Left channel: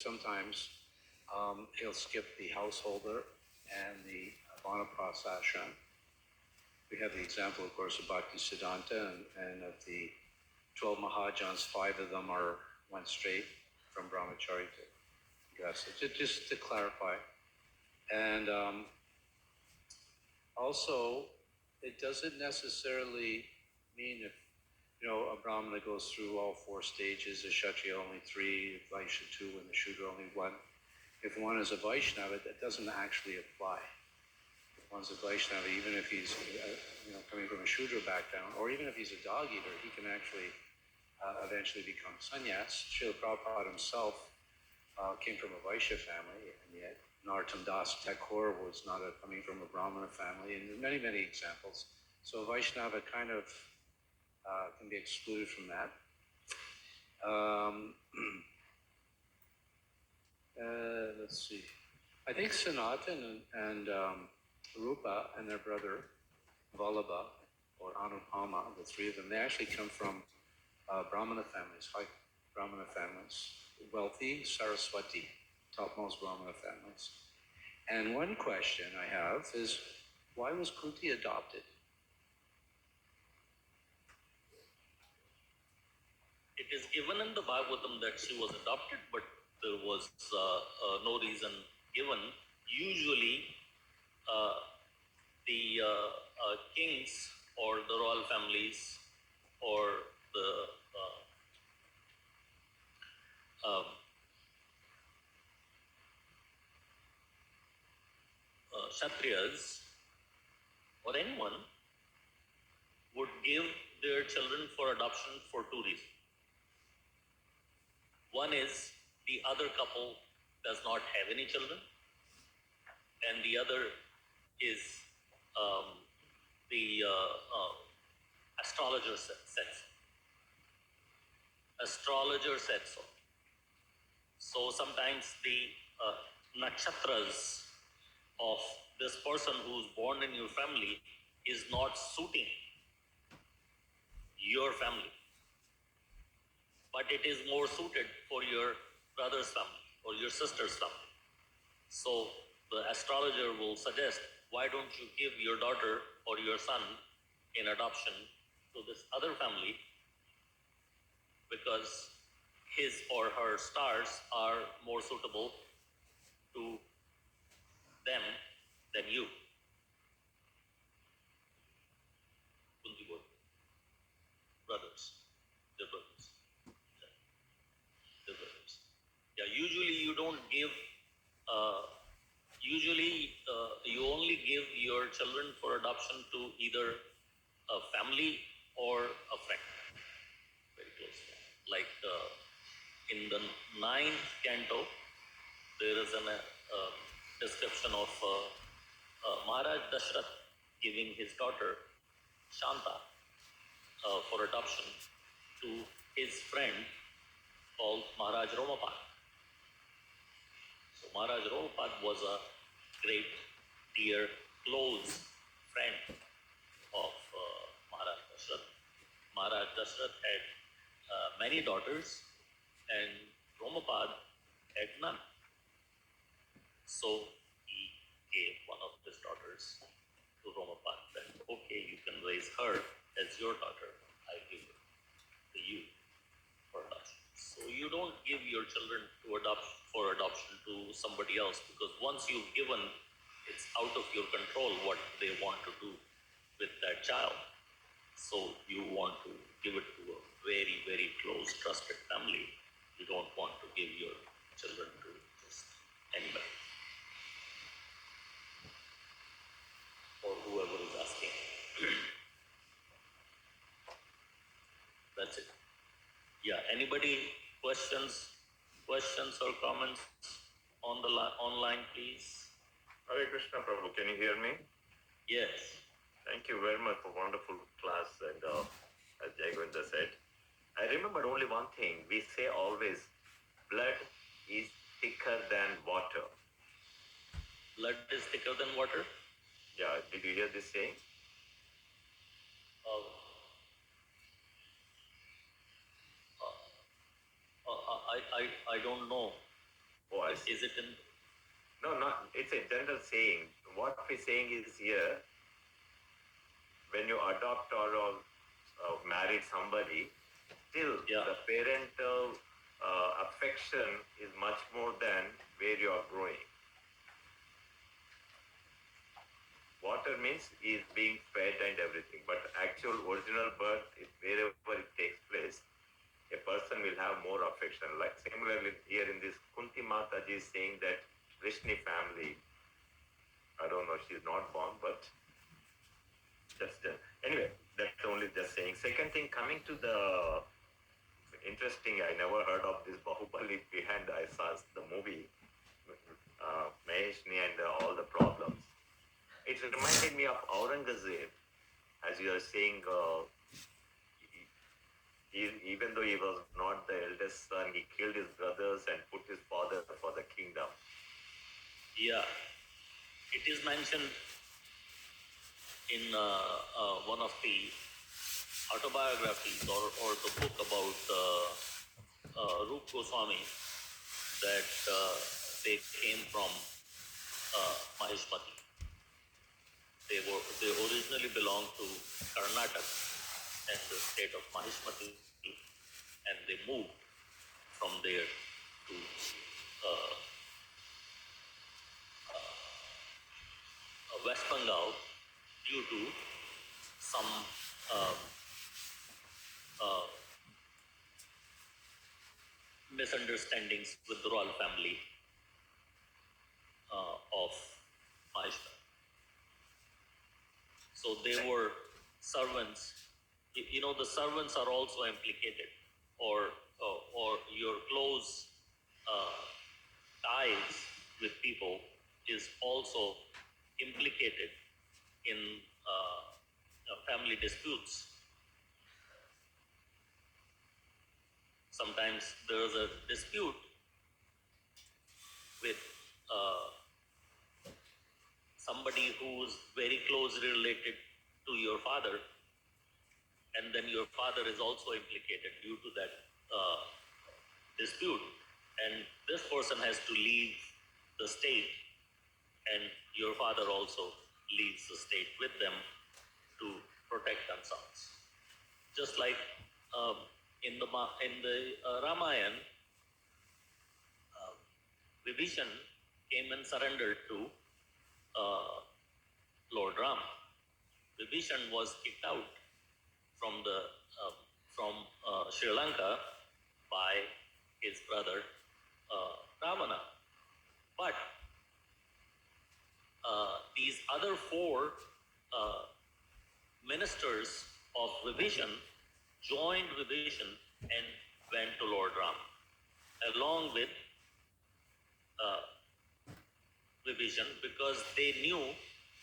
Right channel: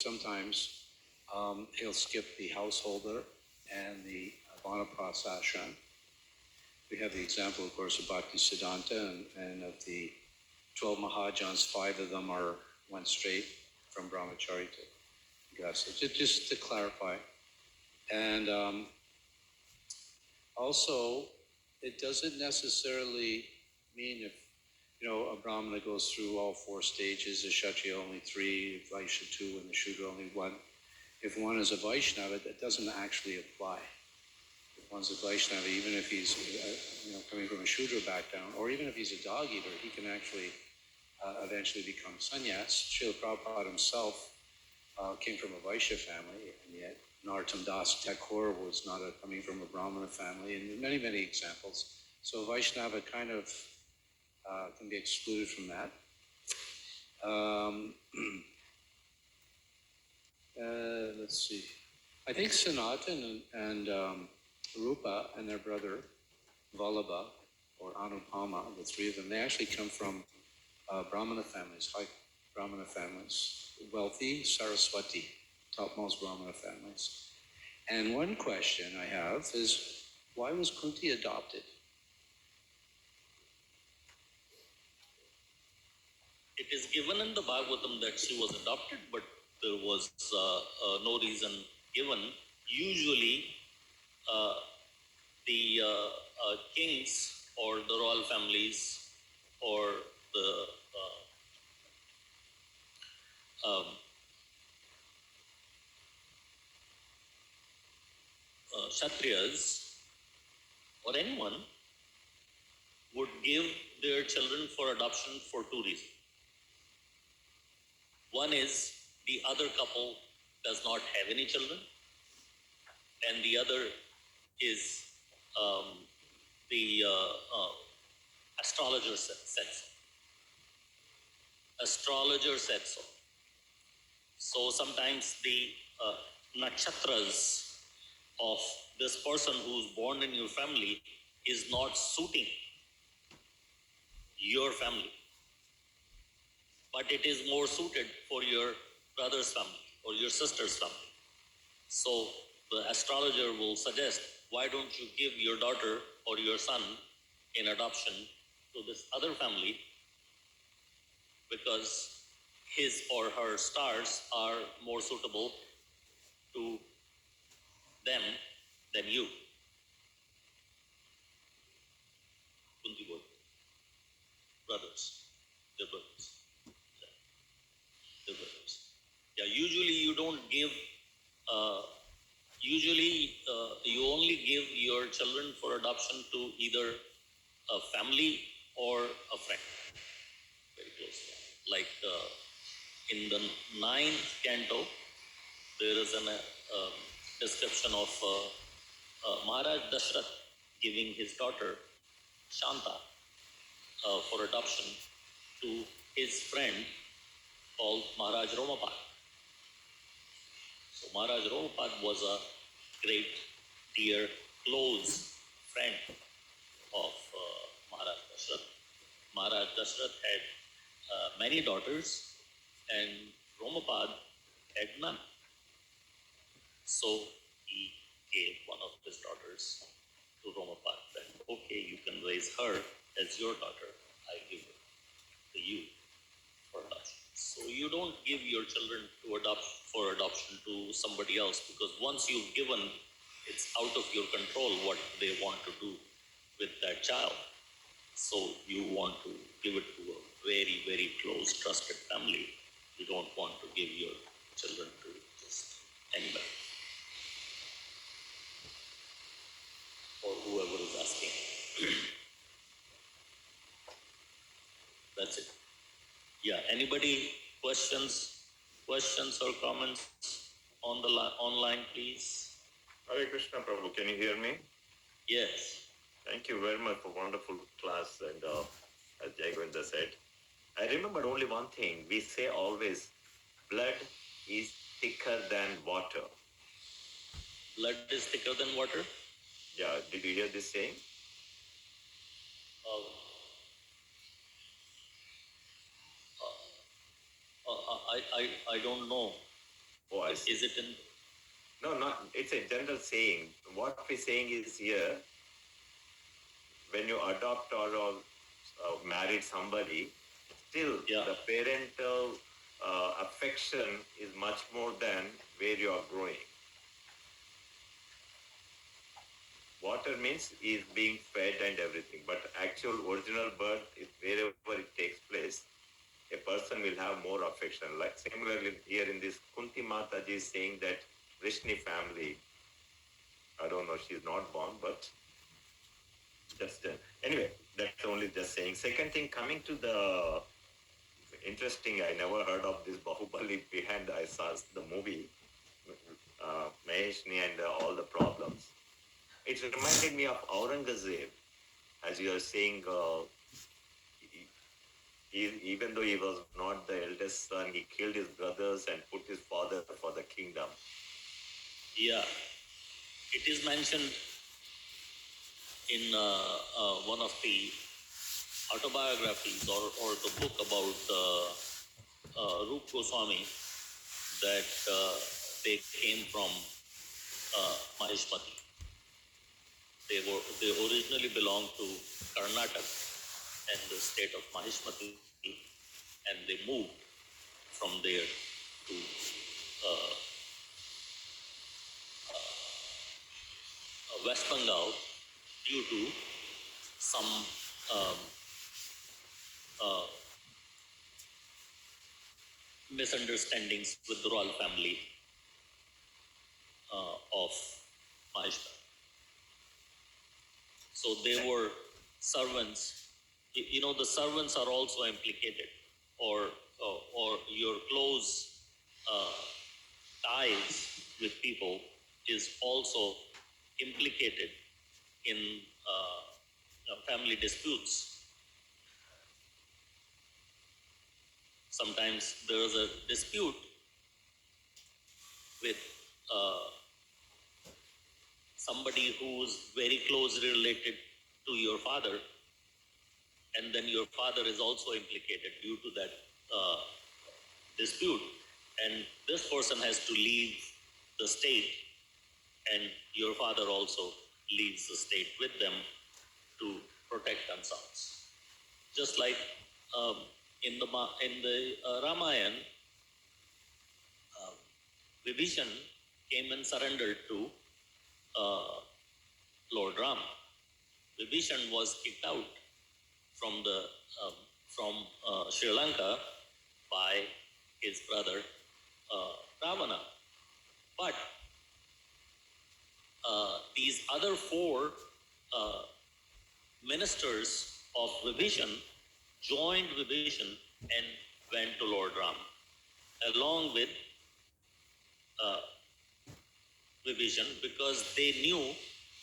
Sometimes he'll skip the householder and the Vanaprastha. We have the example, of course, of Bhakti Siddhanta, and of the 12 Mahajans, 5 of them went straight from Brahmachari to Gasa, just to clarify. And also, it doesn't necessarily mean if, a Brahmana goes through all 4 stages, a Kshatriya only 3, a Vaishya 2, and the Shudra only 1. If one is a Vaishnava, that doesn't actually apply. If one's a Vaishnava, even if he's coming from a Shudra background, or even if he's a dog eater, he can actually eventually become sannyas. Srila Prabhupada himself came from a Vaishya family, and yet Narottam Das Thakur was not coming from a Brahmana family, and many, many examples. So Vaishnava kind of can be excluded from that. Let's see. I think Sanatan and Rupa and their brother Vallabha or Anupama, the 3 of them, they actually come from Brahmana families, high Brahmana families, wealthy Saraswati, topmost Brahmana families. And one question I have is, why was Kunti adopted? It is given in the Bhagavatam that she was adopted, but there was no reason given. Usually, the kings or the royal families or the Kshatriyas or anyone would give their children for adoption for 2 reasons. One is the other couple does not have any children, and the other is the astrologer said so. Astrologer said so. So sometimes the nakshatras of this person who's born in your family is not suiting your family, but it is more suited for your brother's family or your sister's family. So the astrologer will suggest, why don't you give your daughter or your son in adoption to this other family, because his or her stars are more suitable to them than you. Kunti brothers, their brothers. Yeah, usually you don't give, you only give your children for adoption to either a family or a friend. Very close. Like in the 9th canto, there is a description of Maharaj Dashrath giving his daughter Shanta for adoption to his friend called Maharaj Romapad. So Maharaj Romapad was a great, dear, close friend of Maharaj Dashrath. Maharaj Dashrath had many daughters, and Romapad had none. So he gave one of his daughters to Romapad, said, okay, you can raise her as your daughter. I give her to you for adoption. So you don't give your children for adoption to somebody else, because once you've given, it's out of your control what they want to do with that child. So you want to give it to a very, very close, trusted family. You don't want to give your children to just anybody or whoever is asking. That's it. Yeah, anybody questions or comments on the online, please? Hare Krishna Prabhu, can you hear me? Yes. Thank you very much for wonderful class, and as Jayagwinda said, I remembered only one thing. We say always, blood is thicker than water. Blood is thicker than water? Yeah, did you hear this saying? I don't know. always Is it in? no, not it's a general saying. What we're saying is here, when you adopt or married somebody, still Yeah. the parental affection is much more than where you are growing. Water means is being fed and everything, but actual original birth, is wherever it takes place, a person will have more affection. Like similarly here in this Kunti Mataji is saying that Vrishni family, I don't know, she's not born, but just anyway, that's only just saying. Second thing, coming to the interesting, I never heard of this Bahubali behind. I saw the movie, Maheshni and all the problems. It reminded me of Aurangzeb, as you are saying. Even though he was not the eldest son, he killed his brothers and put his father for the kingdom. Yeah, it is mentioned in one of the autobiographies or the book about Rup Goswami that they came from Maheshmati. They originally belonged to Karnataka and the state of Maheshmati, and they moved from there to West Bengal due to some um, uh, misunderstandings with the royal family of Maheshmati. So they were servants. You know, the servants are also implicated, or your close ties with people is also implicated in family disputes. Sometimes there is a dispute with somebody who's very closely related to your father, and then your father is also implicated due to that dispute, and this person has to leave the state, and your father also leaves the state with them to protect themselves. Just like in the Ramayana, Vibhishan came and surrendered to Lord Ram. Vibhishan was kicked out from the from Sri Lanka by his brother Ravana. But these other four ministers of Vibhishan joined Vibhishan and went to Lord Ram, along with Vibhishan, because they knew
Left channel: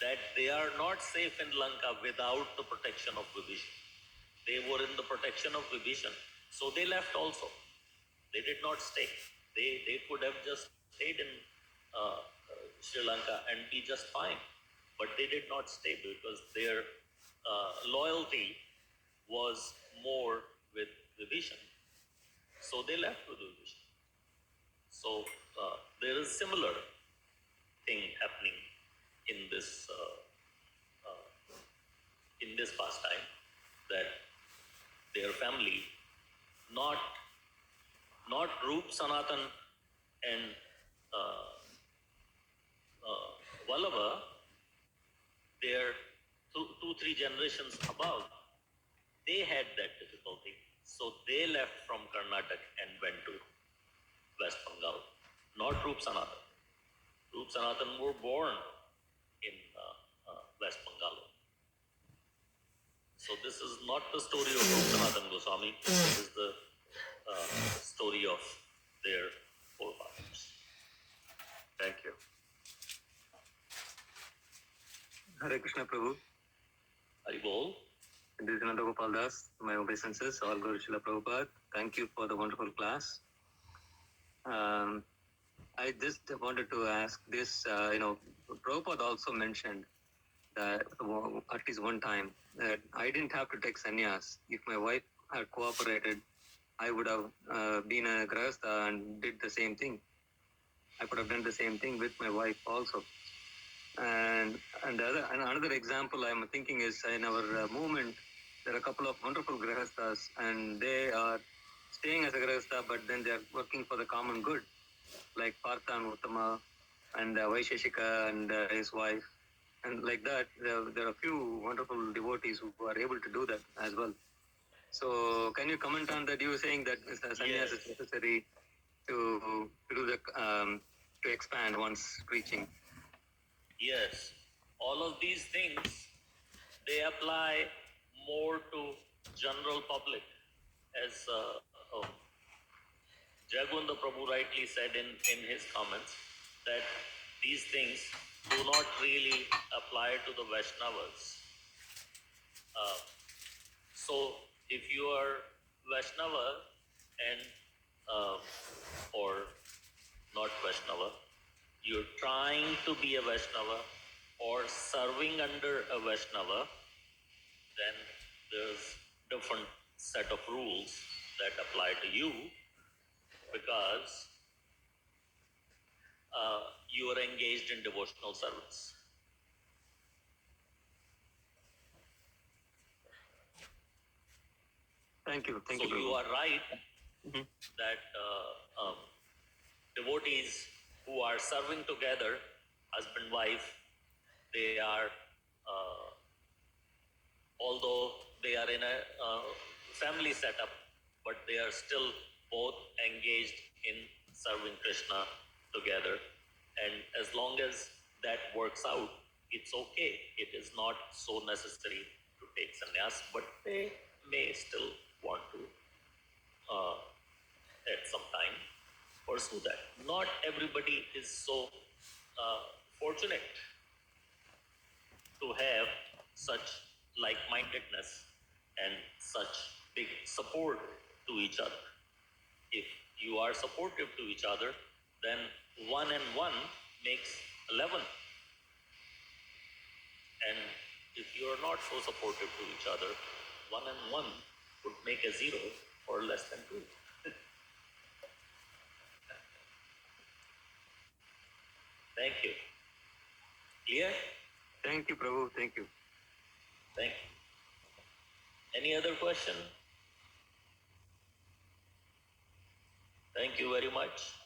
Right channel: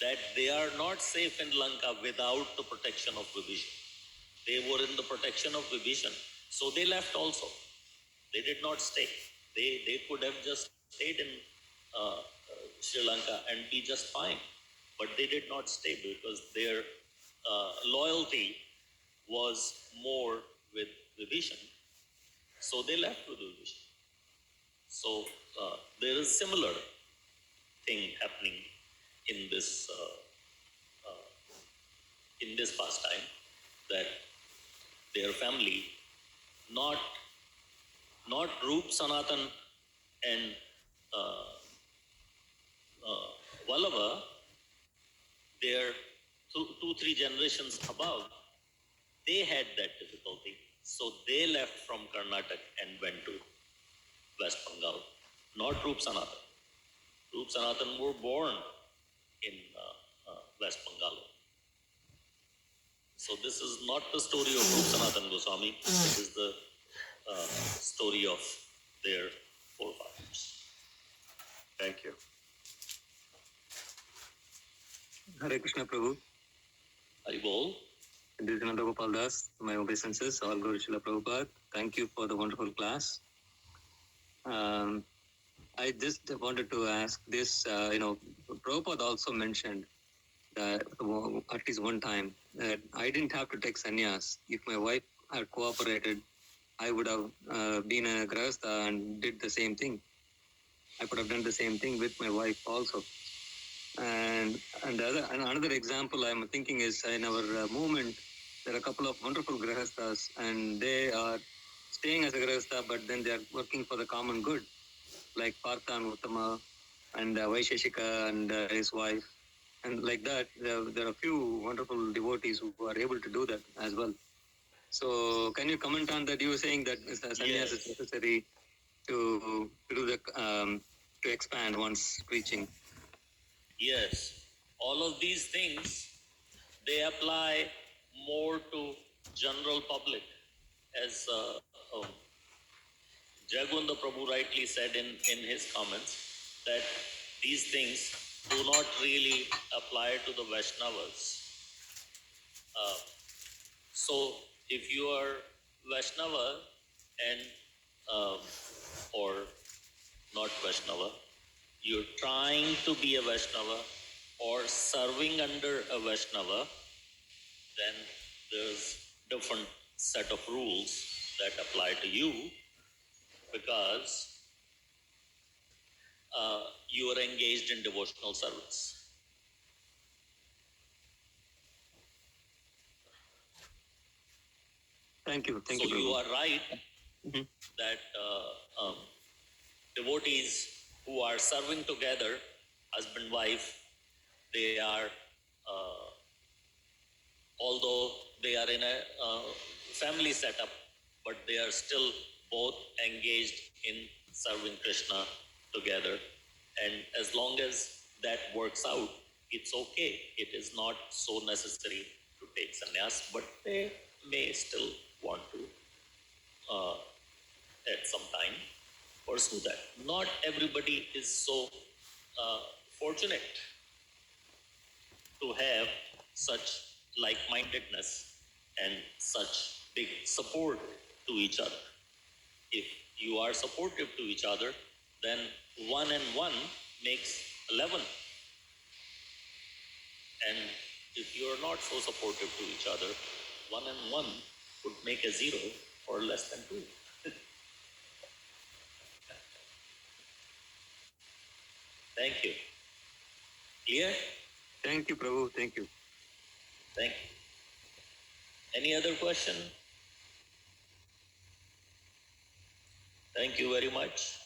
that they are not safe in Lanka without the protection of Vibhishan. They were in the protection of Vibhishan, so they left also. They did not stay. They could have just stayed in Sri Lanka and be just fine, but they did not stay because their loyalty was more with Vibhishan. So they left with Vibhishan. So there is similar thing happening in this pastime, that their family, not Rup, Sanatan, and Vallabha, their two, 3 generations above, they had that difficulty. So they left from Karnataka and went to West Bengal. Not Rup Sanatan. Rup Sanatan were born in West Bengal. So this is not the story of Rup Sanatan Goswami. It is the story of their forefathers. Thank you. Hare Krishna Prabhu. Haribol. This is Nanda Gopal Das. My obeisances, all Guru Srila Prabhupada. Thank you for the wonderful class. I just wanted to ask this, Prabhupada also mentioned that at least one time that I didn't have to take sannyas. If my wife had cooperated, I would have been a grahastha and did the same thing. I could have done the same thing with my wife also. And another example I'm thinking is in our movement, there are a couple of wonderful grahastas, and they are staying as a grahasta, but then they are working for the common good, like Partha and Uttama and Vaisheshika and his wife. And like that, there are a few wonderful devotees who are able to do that as well. So, can you comment on that? You were saying that sannyas is Yes. necessary to do the to expand one's preaching. Yes, all of these things, they apply more to general public, as Jagunda Prabhu rightly said in his comments, that these things do not really apply to the Vaishnavas. Uh, so if you are Vaishnava and or not Vaishnava, you're trying to be a Vaishnava or serving under a Vaishnava, then there's different set of rules that apply to you, because you are engaged in devotional service. Thank you. Thank So you, you Prabhu. are right Mhm. that devotees who are serving together, husband, wife, they are, although they are in a family setup, but they are still both engaged in serving Krishna together. And as long as that works out, it's okay. It is not so necessary to take sannyas, but they may still want to, at some time, pursue that. Not everybody is so fortunate to have such like-mindedness and such big support to each other. If you are supportive to each other, then 1 and 1 makes 11. And if you are not so supportive to each other, 1 and 1 would make a 0 or less than 2. Thank you. Clear? Thank you, Prabhu. Thank you. Thank you. Any other question? Thank you very much.